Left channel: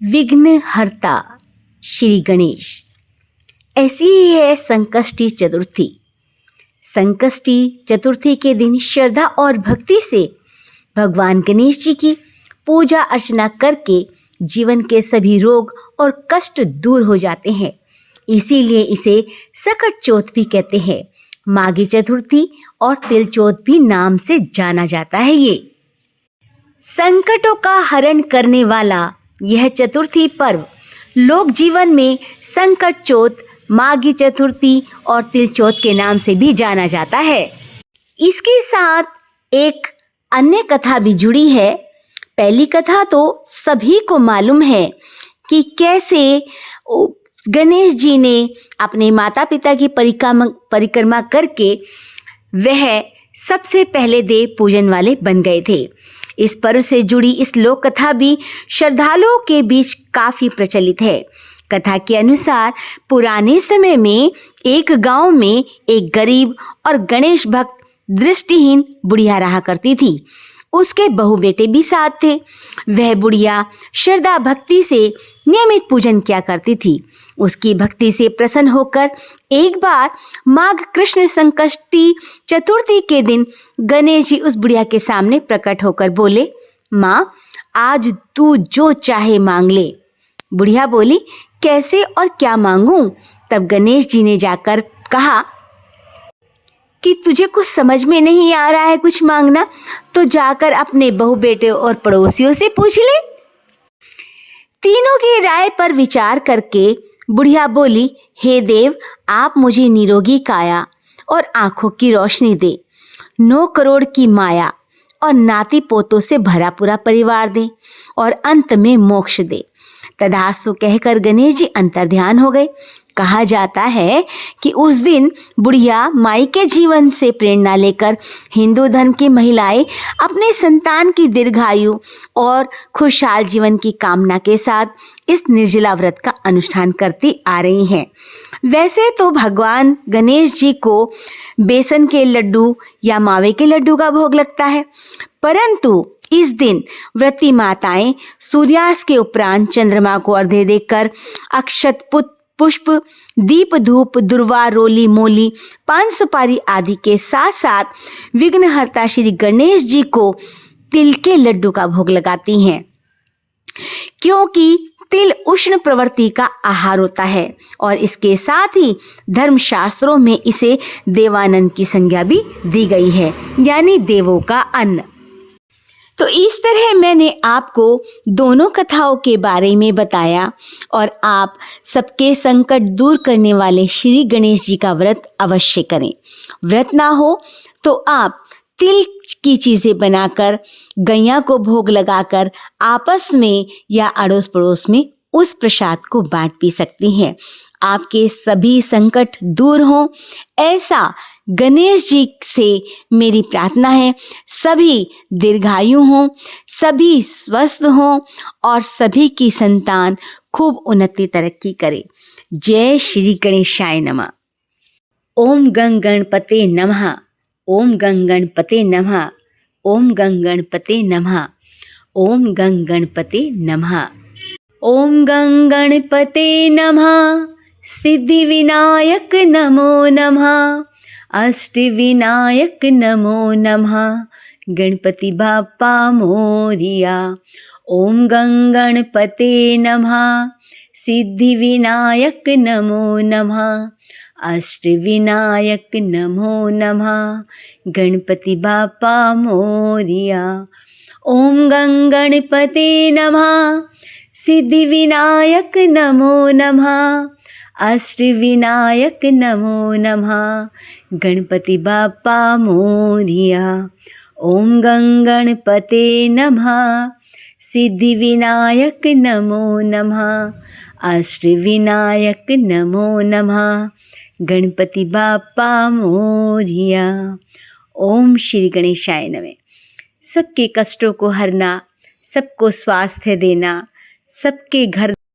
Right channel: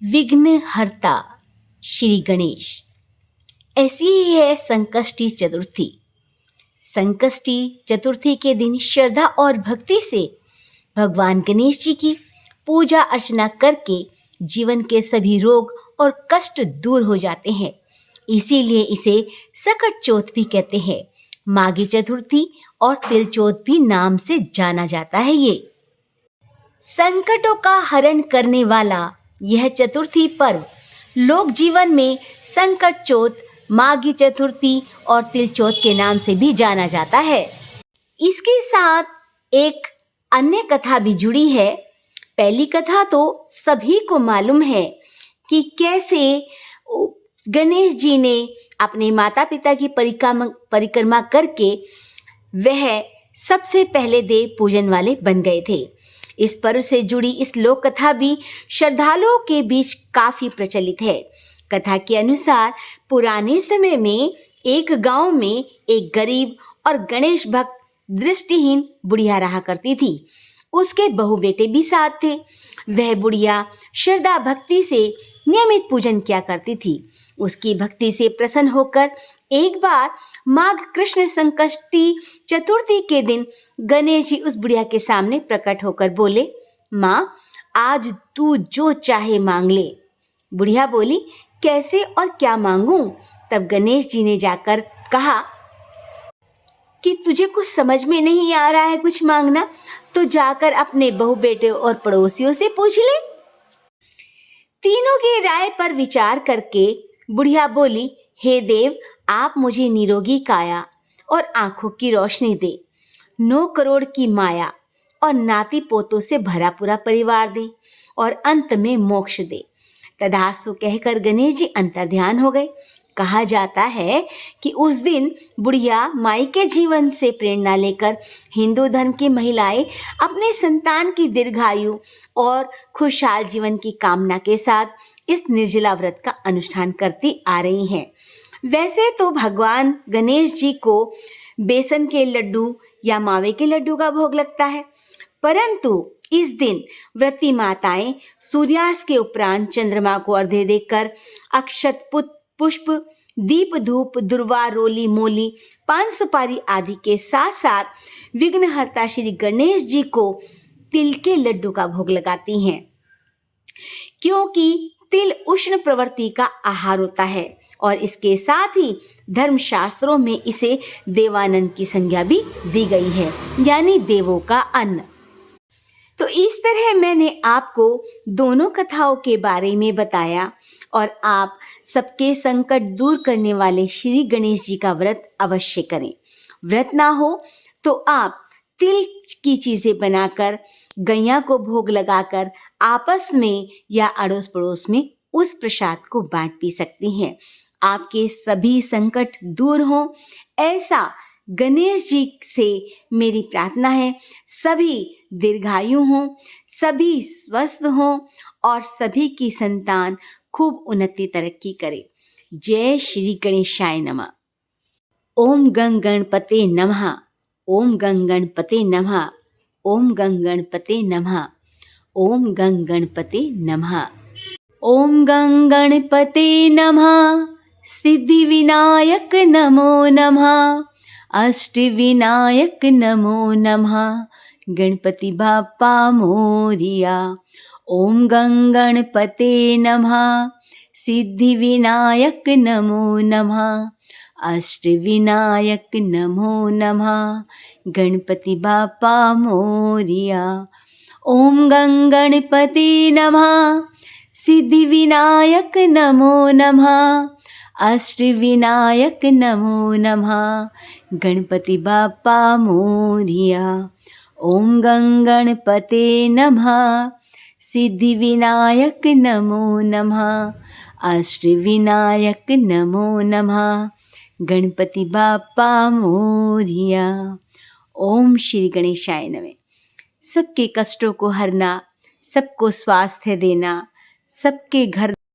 विघ्नहर्ता श्री गणेश। ऐसी ही है संकष्टी चतुर्थी। संकष्टी चतुर्थी के दिन श्रद्धा और भक्ति से भगवान गणेश जी की पूजा अर्चना करके जीवन के सभी रोग और कष्ट दूर हो जाते हैं। इसीलिए इसे सकट चौथ भी कहते हैं। माघी चतुर्थी और तिल चौथ भी नाम से जाना जाता है। ये संकटों का हरण करने वाला यह चतुर्थी पर्व लोक जीवन में संकट चौथ, माघी चतुर्थी और तिल चौथ के नाम से भी जाना जाता है। इसके साथ एक अन्य कथा भी जुड़ी है। पहली कथा तो सभी को मालूम है कि कैसे गणेश जी ने अपने माता पिता की परिक्रमा करके वह सबसे पहले देव पूजन वाले बन गए थे। इस पर्व से जुड़ी इस लोक कथा भी श्रद्धालुओं के बीच काफ़ी प्रचलित है। कथा के अनुसार पुराने समय में एक गांव में एक गरीब और गणेश भक्त दृष्टिहीन बुढ़िया रहा करती थी। उसके बहू बेटे भी साथ थे। वह बुढ़िया श्रद्धा भक्ति से नियमित पूजन किया करती थी। उसकी भक्ति से प्रसन्न होकर एक बार माघ कृष्ण संकष्टी चतुर्थी के दिन गणेश जी उस बुढ़िया के सामने प्रकट होकर बोले, माँ, आज तू जो चाहे मांग ले। बुढ़िया बोली, कैसे और क्या मांगूं? तब गणेश जी ने जाकर कहा कि तुझे कुछ समझ में नहीं आ रहा है कुछ मांगना, तो जाकर अपने बहू बेटे और पड़ोसियों से पूछ ले। तीनों की राय पर विचार करके बुढ़िया बोली, हे देव, आप मुझे निरोगी काया और आंखों की रोशनी दे, 9 करोड़ की माया और नाती पोतों से भरा पूरा परिवार दे और अंत में मोक्ष दे। तथास्तु कहकर गणेश जी अंतर्ध्यान हो गए। कहा जाता है कि उस दिन बुढ़िया माई के जीवन से प्रेरणा लेकर हिंदू धर्म की महिलाएं अपने संतान की दीर्घायु और खुशहाल जीवन की कामना के साथ इस निर्जला व्रत का अनुष्ठान करती आ रही हैं। वैसे तो भगवान गणेश जी को बेसन के लड्डू या मावे के लड्डू का भोग लगता है, परंतु इस दिन व्रती माताएं सूर्यास्त के उपरांत चंद्रमा को अर्घ्य देकर अक्षत पुष्प, दीप, धूप, दुर्वा, रोली, मोली, पान सुपारी आदि के साथ साथ विघ्नहर्ता श्री गणेश जी को तिल के लड्डू का भोग लगाती हैं, क्योंकि तिल उष्ण प्रवृत्ति का आहार होता है और इसके साथ ही धर्मशास्त्रों में इसे देवानंद की संज्ञा भी दी गई है, यानी देवों का अन्न। तो इस तरह मैंने आपको दोनों कथाओं के बारे में बताया और आप सबके संकट दूर करने वाले श्री गणेश जी का व्रत अवश्य करें। व्रत ना हो तो आप तिल की चीज़ें बनाकर गैया को भोग लगाकर आपस में या अड़ोस पड़ोस में उस प्रसाद को बांट पी सकती हैं। आपके सभी संकट दूर हों, ऐसा गणेश जी से मेरी प्रार्थना है। सभी दीर्घायु हों, सभी स्वस्थ हों और सभी की संतान खूब उन्नति तरक्की करे। जय श्री गणेशाय नमः। ओम गं गणपते नमः। ओम गं गणपते नमः। ओम गं गणपते नमः। ओम गं गणपते नमः। ओम गं गणपते नमः। सिद्धि विनायक नमो नमः। अष्ट विनायक नमो नमः। गणपति बाप्पा मोरिया। ओम गं गणपते नमः। सिद्धि विनायक नमो नमः। अष्ट विनायक नमो नमः। गणपति बाप्पा मोरिया। ओम गं गणपते नमः। सिद्धि विनायक नमो नमः। अष्ट विनायक नमो नमः। गणपति बाप्पा मोरिया। ओम गं गणपते नमः। सिद्धि विनायक नमो नमः। अष्ट विनायक नमो नमः। गणपति बाप्पा मोरिया। ओम श्री गणेशाय नमः। सबके कष्टों को हरना, सबको स्वास्थ्य देना, सबके घर